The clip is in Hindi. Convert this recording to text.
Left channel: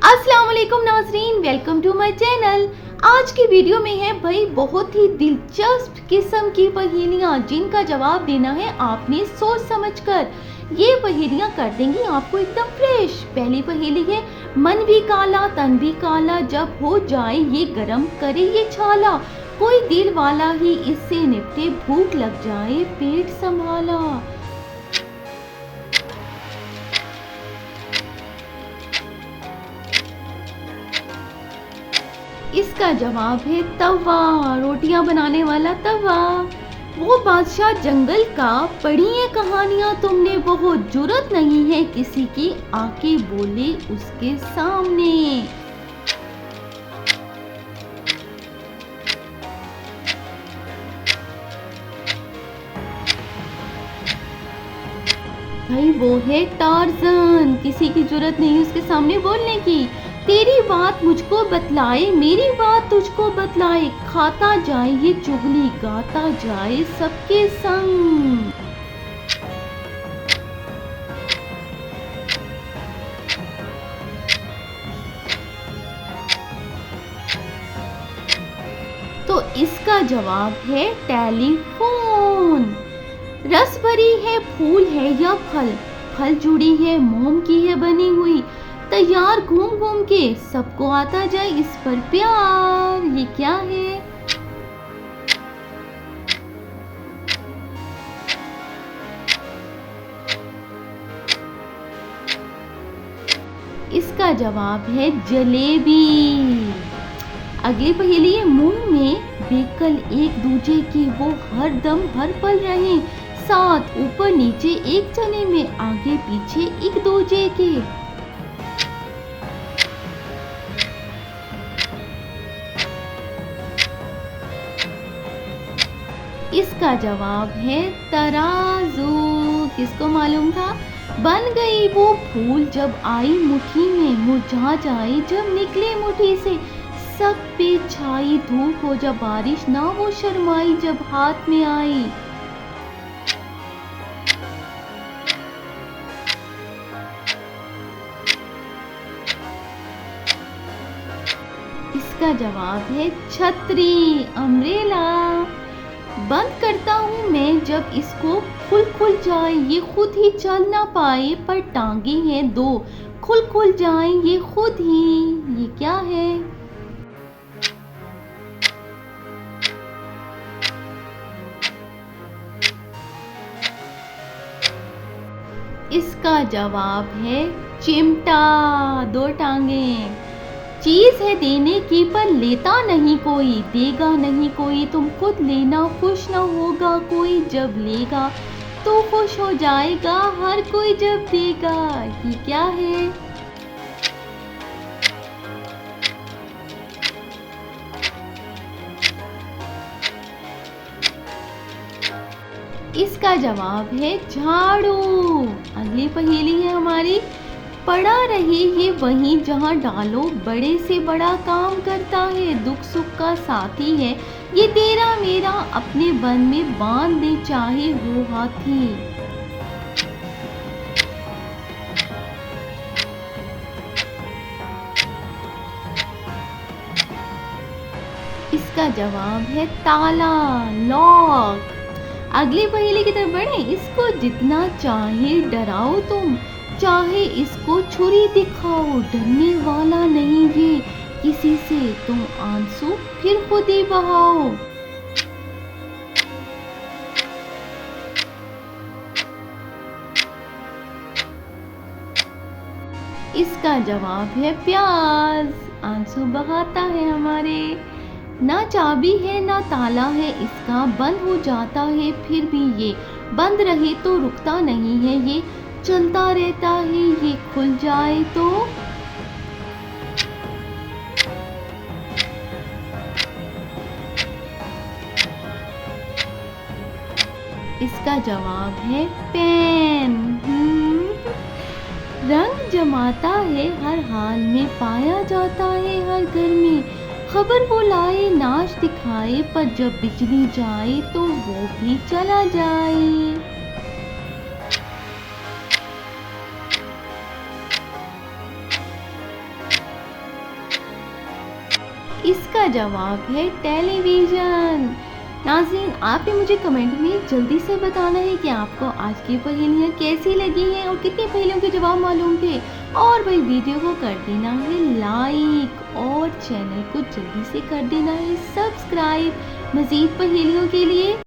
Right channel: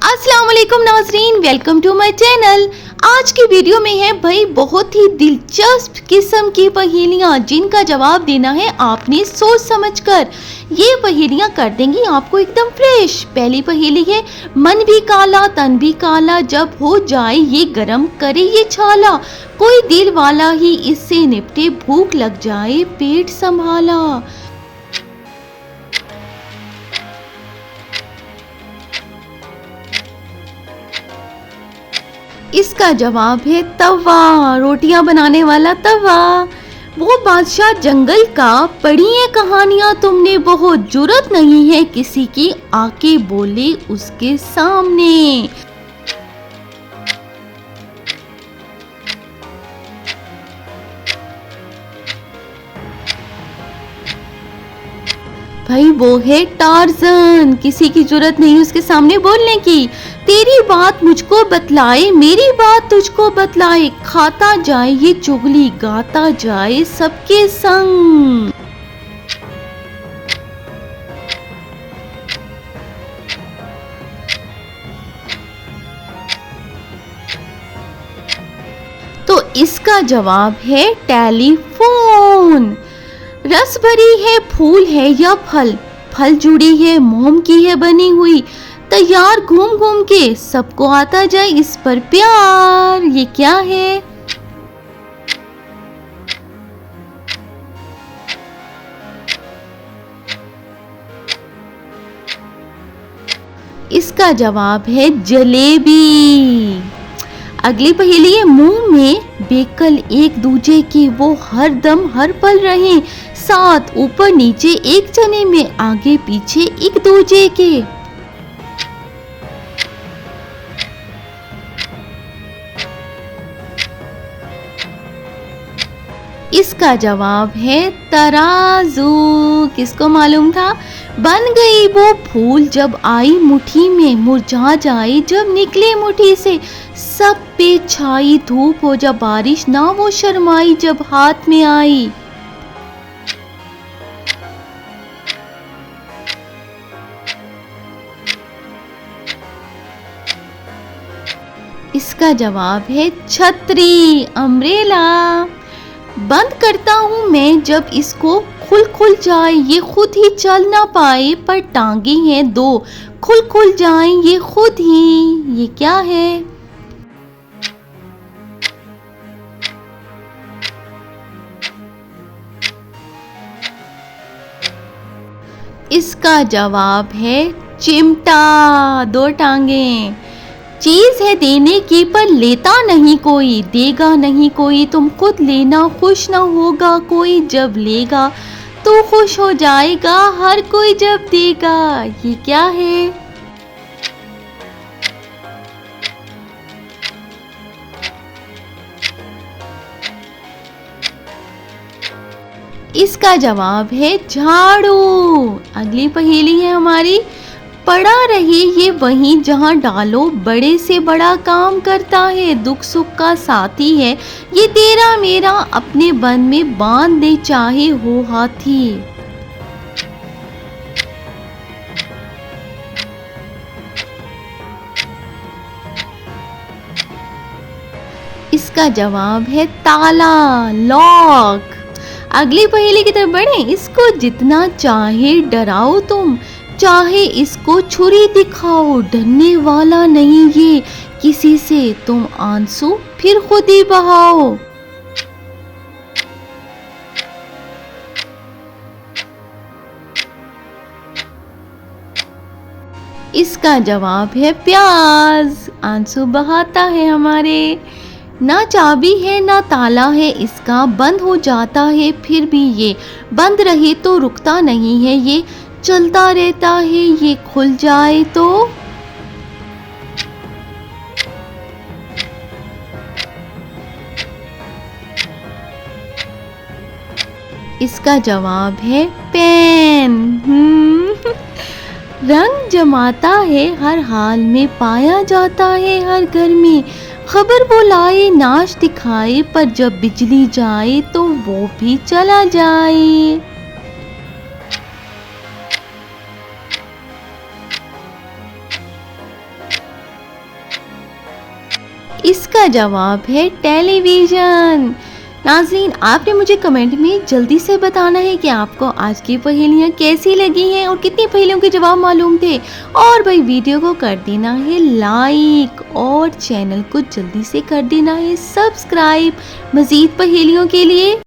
अस्सलाम वालेकुम नाज़रीन, वेलकम टू माय चैनल। आज की वीडियो में है भाई बहुत ही दिलचस्प किस्म की पहेलियाँ जिनका जवाब देना है आपने सोच समझकर। ये पहेलियाँ कर देंगी आपको एकदम फ्रेश। पहली पहेली है, मन भी काला तन भी काला, जब हो जाए ये गरम करे ये छाला, कोई दिल वाला ही इससे निपटे, भूख लग जाए पेट संभाला। इसका जवाब है तवा, रोटियां बनाने वाला तवा। वो बादशाह जंगल का, पढ़ी है कहानियां तुमने बहुत, जुर्रत नहीं है किसी की आके बोले उसके सामने। भाई वो है टार्जन, किसी की जरूरत नहीं उसके सामने बोलने की। तेरी बात मुझको बतलाए, मेरी बात तुझको बतलाए, खाता जाए ये चुगली, गाता जाए सबके संग। तो इसका जवाब है टेलीफोन। रस भरी है फूल है या फल, फल जुड़ी है मोम की है बनी हुई, तैयार घूम घूम के सबको आता जाए इस पर प्यार। ये क्या है? इसका जवाब है जलेबी। अगली पहेली है, मुंह में बेकल एक दूजे के, वो हर दम हर पल रहे साथ, ऊपर नीचे एक जने में, आगे पीछे एक दूजे के। इसका जवाब है तराजू। किसको मालूम था? बन गई वो फूल जब आई मुट्ठी में, मुरझा जाई जब निकले मुट्ठी से, सब पे छाई धूप हो जब बारिश, ना वो शर्माई जब हाथ में आई। इसका जवाब है छतरी, अम्ब्रेला। बंद करता हूँ मैं जब इसको, खुल खुल जाए ये खुद ही चल ना पाए, पर टांगे हैं दो, खुल खुल जाए ये खुद ही। ये क्या है? इसका जवाब है चिमटा, दो टांगे। चीज है देने की पर लेता नहीं कोई, देगा नहीं कोई तुम खुद लेना, खुश न होगा कोई जब लेगा, तो खुश हो जाएगा हर कोई जब देगा। ये क्या है? इसका जवाब है झाड़ू। अगली पहेली है हमारी, पड़ा रहे ये वहीं जहाँ डालो, बड़े से बड़ा काम करता है, दुख सुख का साथी है, ये तेरा मेरा अपने बन में बांध दे चाहे हो हाथी। इसका जवाब है ताला, लॉक। अगली पहेली की तरफ बढ़े, इसको जितना चाहे डराओ तुम, चाहे इसको छुरी दिखाओ, डरने वाला नहीं ये किसी से, तुम आंसू फिर खुद ही बहाओ। इसका जवाब है प्याज, आंसू बहाता है हमारे। ना चाबी है ना ताला है इसका, बंद हो जाता है फिर भी ये, बंद रहे तो रुकता नहीं है ये, चलता रहता है ये, खुल जाए तो। इसका जवाब है पेन। रंग जमाता है हर हाल में, पाया जाता है हर घर में, खबर वो लाए नाश दिखाए, पर जब बिजली जाए तो वो भी चला जाए। इसका जवाब है टेलीविज़न। नाज़रीन, आपने मुझे कमेंट में जल्दी से बताना है कि आपको आज की पहेलियाँ कैसी लगी हैं और कितनी पहेलियों के जवाब मालूम थे। और भाई वीडियो को कर देना है लाइक और चैनल को जल्दी से कर देना है सब्सक्राइब मज़ीद पहेलियों के लिए।